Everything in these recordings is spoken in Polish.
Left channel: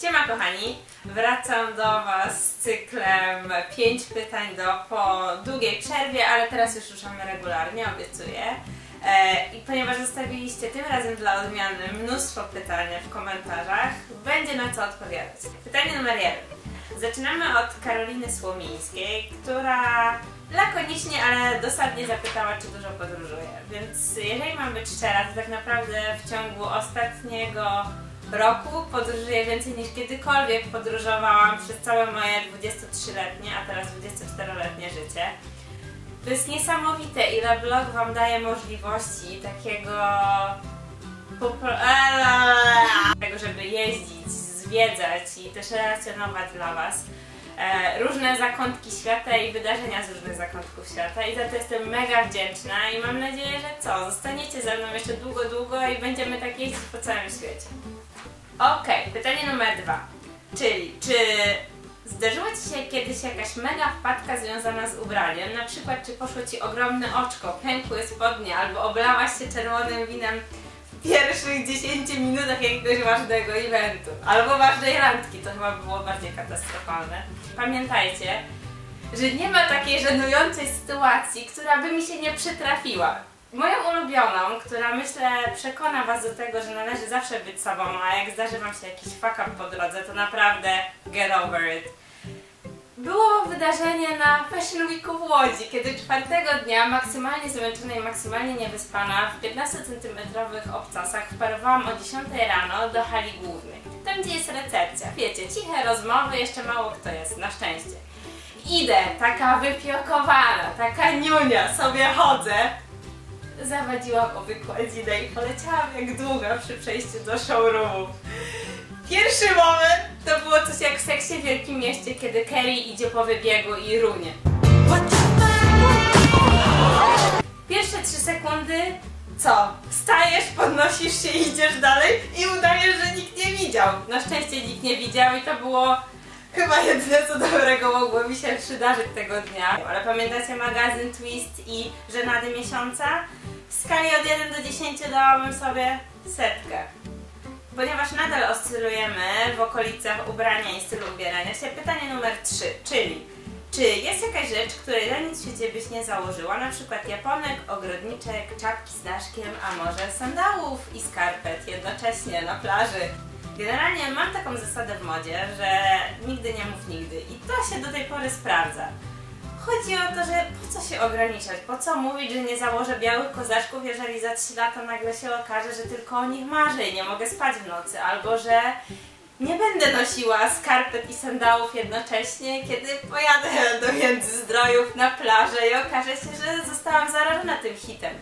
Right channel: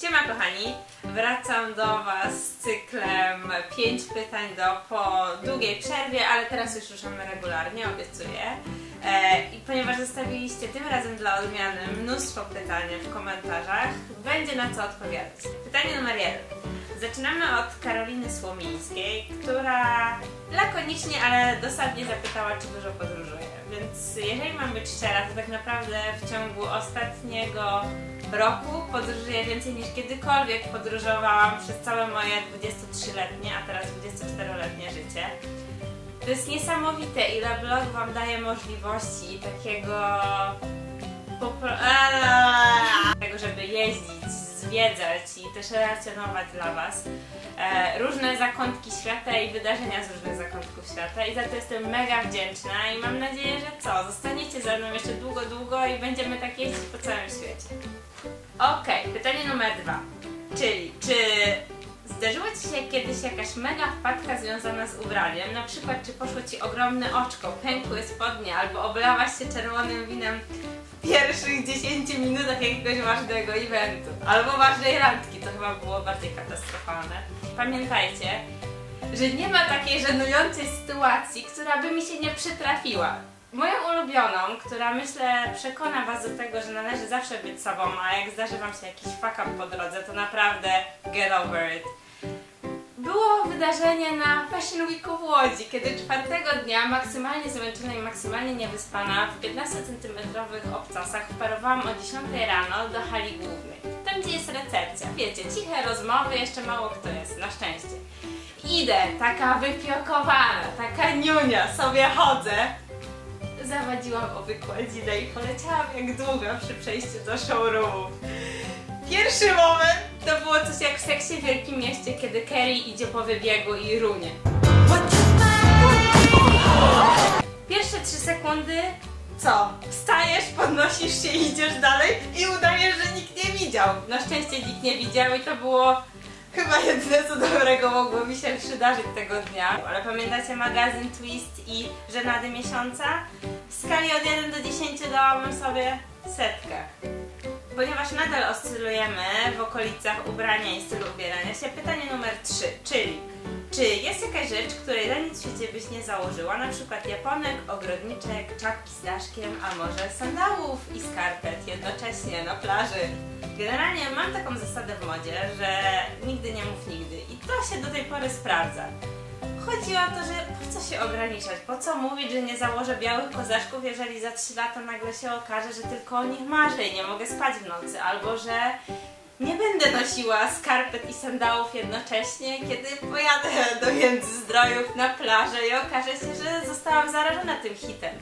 Siema kochani, wracam do Was z cyklem 5 pytań po długiej przerwie, ale teraz już ruszamy regularnie, obiecuję. I ponieważ zostawiliście tym razem dla odmiany mnóstwo pytań w komentarzach, będzie na co odpowiadać. Pytanie numer 1. Zaczynamy od Karoliny Słomińskiej, która lakonicznie, ale dosadnie zapytała, czy dużo podróżuje. Więc jeżeli mam być szczera, to tak naprawdę w ciągu ostatniego roku podróżuję więcej niż kiedykolwiek podróżowałam przez całe moje 23-letnie, a teraz 24-letnie życie. To jest niesamowite, ile blog Wam daje możliwości takiego, żeby jeździć, zwiedzać i też relacjonować dla Was różne zakątki świata i wydarzenia z różnych zakątków świata i za to jestem mega wdzięczna i mam nadzieję, że zostaniecie ze mną jeszcze długo i będziemy tak jeździć po całym świecie. Okej, pytanie numer 2, czyli czy zdarzyło Ci się kiedyś jakaś mega wpadka związana z ubraniem? Na przykład, czy poszło Ci ogromne oczko, pękły spodnie, albo oblałaś się czerwonym winem w pierwszych 10 minutach jakiegoś ważnego eventu, albo ważnej randki, to chyba było bardziej katastrofalne. Pamiętajcie, że nie ma takiej żenującej sytuacji, która by mi się nie przytrafiła. Moją ulubioną, która myślę przekona Was do tego, że należy zawsze być sobą, a jak zdarzy Wam się jakiś fuck up po drodze, to naprawdę get over it. Było wydarzenie na Fashion Weeku w Łodzi, kiedy czwartego dnia, maksymalnie zmęczona i maksymalnie niewyspana, w 15-centymetrowych obcasach wparowałam o 10 rano do hali głównej. Tam, gdzie jest recepcja. Wiecie, ciche rozmowy, jeszcze mało kto jest, na szczęście. Idę, taka wyfiokowana, taka niunia, sobie chodzę. Zawadziłam o wykładzinę i poleciałam jak długa przy przejściu do showroomu. Pierwszy moment to było coś jak w Seksie w Wielkim Mieście, kiedy Carrie idzie po wybiegu i runie. Pierwsze 3 sekundy, co? Wstajesz, podnosisz się, idziesz dalej i udajesz, że nikt nie widział. Na szczęście nikt nie widział i to było chyba jedyne co dobrego mogło mi się przydarzyć tego dnia. Ale pamiętacie magazyn Twist i żenady miesiąca? W skali od 1 do 10 dałabym sobie 100. Ponieważ nadal oscylujemy w okolicach ubrania i stylu ubierania się, pytanie numer 3, czyli czy jest jakaś rzecz, której za nic w świecie byś nie założyła? Na przykład japonek, ogrodniczek, czapki z daszkiem, a może sandałów i skarpet jednocześnie na plaży. Generalnie mam taką zasadę w modzie, że nigdy nie mów nigdy i to się do tej pory sprawdza. Chodzi o to, że po co się ograniczać, po co mówić, że nie założę białych kozaczków, jeżeli za 3 lata nagle się okaże, że tylko o nich marzę i nie mogę spać w nocy, albo że nie będę nosiła skarpet i sandałów jednocześnie, kiedy pojadę do Międzyzdrojów na plażę i okaże się, że zostałam zarażona tym hitem.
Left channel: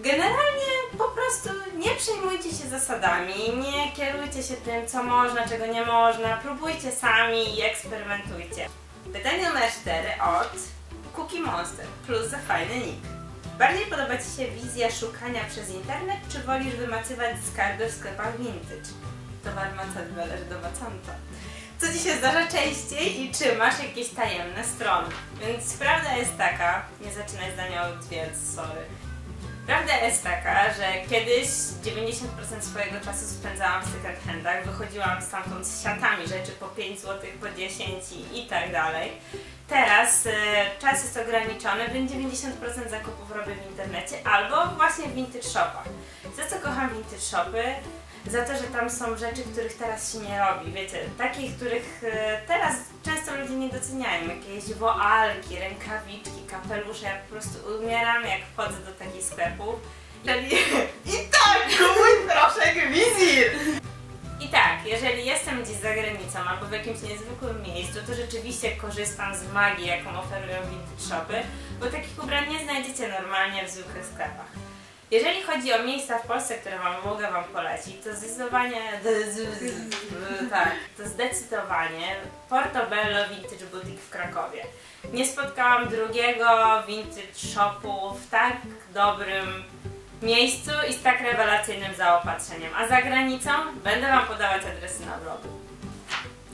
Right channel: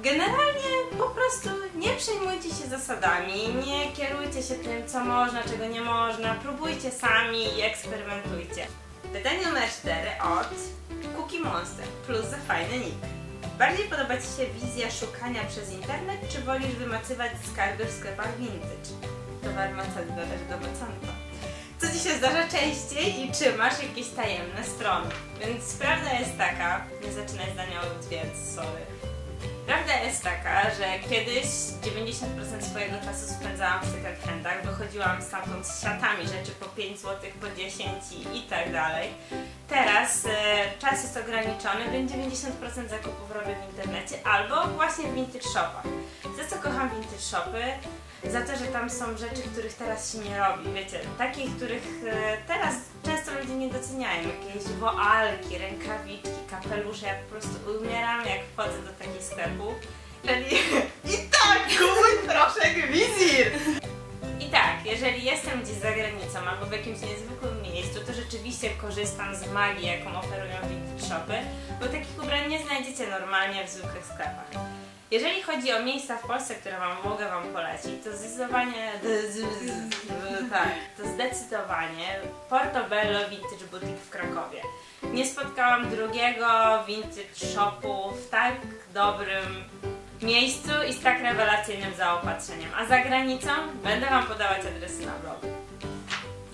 Generalnie po prostu nie przejmujcie się zasadami, nie kierujcie się tym, co można, czego nie można, próbujcie sami i eksperymentujcie. Pytanie numer 4 od Cookie Monster plus za fajny nick. Bardziej podoba Ci się wizja szukania przez internet, czy wolisz wymacywać skarby w sklepach vintage? Towar macany należy do macanta. Co Ci się zdarza częściej i czy masz jakieś tajemne strony? Więc prawda jest taka, nie zaczynaj zdania od więc, sorry. Prawda jest taka, że kiedyś 90% swojego czasu spędzałam w second handach, wychodziłam stamtąd z siatami rzeczy po 5 zł, po 10 i tak dalej. Teraz czas jest ograniczony, więc 90% zakupów robię w internecie albo właśnie w vintage shopach. Za co kocham vintage shopy? Za to, że tam są rzeczy, których teraz się nie robi, wiecie, takich, których teraz często ludzie nie doceniają, jakieś woalki, rękawiczki, kapelusze, ja po prostu umieram jak wchodzę do takich sklepów. I tak, kupuj proszek Wizir! I tak, jeżeli jestem gdzieś za granicą albo w jakimś niezwykłym miejscu, to rzeczywiście korzystam z magii, jaką oferują vintage shopy, bo takich ubrań nie znajdziecie normalnie w zwykłych sklepach. Jeżeli chodzi o miejsca w Polsce, które mogę Wam polecić, to zdecydowanie Portobello Vintage Boutique w Krakowie. Nie spotkałam drugiego vintage shopu w tak dobrym miejscu i z tak rewelacyjnym zaopatrzeniem. A za granicą będę Wam podawać adresy na blogu.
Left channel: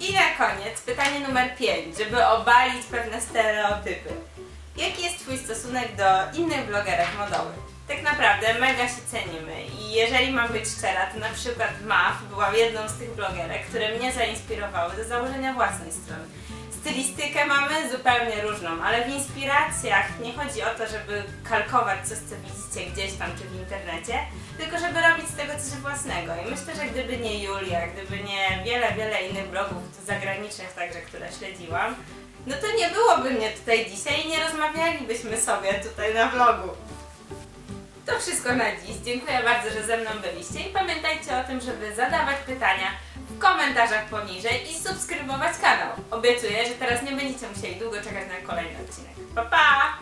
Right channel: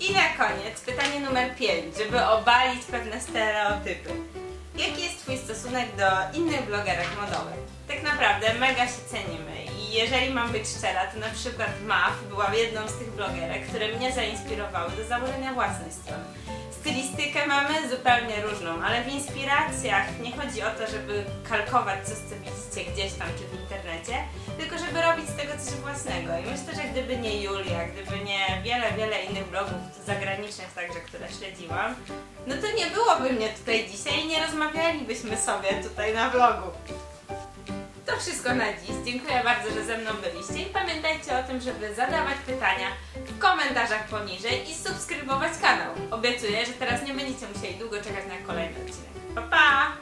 I na koniec pytanie numer 5, żeby obalić pewne stereotypy. Jaki jest Twój stosunek do innych blogerek modowych? tak naprawdę mega się cenimy i jeżeli mam być szczera, to na przykład Maf była jedną z tych blogerek, które mnie zainspirowały do założenia własnej strony. Stylistykę mamy zupełnie różną, ale w inspiracjach nie chodzi o to, żeby kalkować coś, co widzicie gdzieś tam czy w internecie, tylko żeby robić z tego coś własnego. I myślę, że gdyby nie Julia, gdyby nie wiele innych blogów zagranicznych także, które śledziłam, no to nie byłoby mnie tutaj dzisiaj i nie rozmawialibyśmy sobie tutaj na vlogu. To wszystko na dziś. Dziękuję bardzo, że ze mną byliście i pamiętajcie o tym, żeby zadawać pytania w komentarzach poniżej i subskrybować kanał. Obiecuję, że teraz nie będziecie musieli długo czekać na kolejny odcinek. Pa, pa!